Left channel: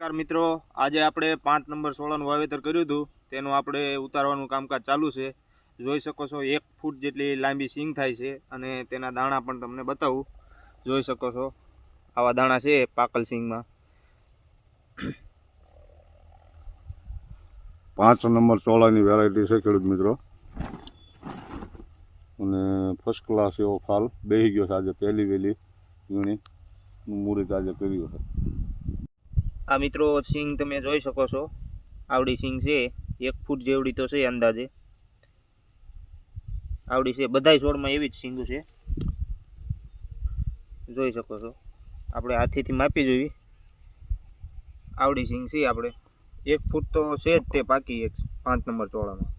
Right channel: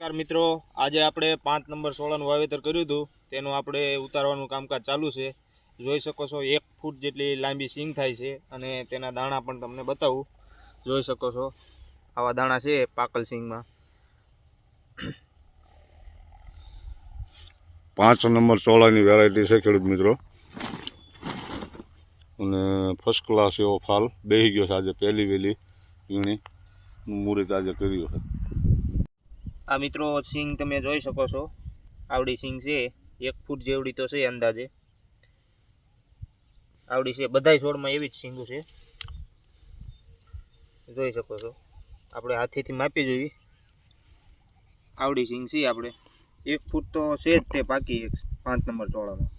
નમસ્કાર મિત્રો, આજે આપણે 5 નંબર સોળાનું વાવેતર કર્યું હતું. તેનું આપણે ઉતારવાનું કામકાજ ચાલુ છે. જોઈ શકો છો 1 ફૂટ જેટલી લાંબી સિંગ થાય છે અને તેના દાણા પણ તમને બતાવું. જોઈ શકો છો આવા દાણા છે પાકલ સિંગમાં. 5 નંબર ચોળાની વેરાયટી છે ખેડૂત મિત્રો, અને ફર્સ્ટ ક્લાસ એવો ફાલ બેસી ગયો છે. આજે પહેલી વહેલી વીણી મુહૂર્ત આજે કર્યું છે. આ મિત્રો સિંગ તમે જોઈ શકો છો, આવડી સિંગ છે 1 ફૂટ જેવડી તો છે અંદાજે. આવડી છે, બધાય છોડમાં એવી જ સિંગો છે. જોઈ શકો છો, આપણે હાથેથી માપી જોઈએ. આવડી સિંગ છે આપણે 1 ફૂટ તો છે જ તે પાકી 5 નંબર ચોળામાં.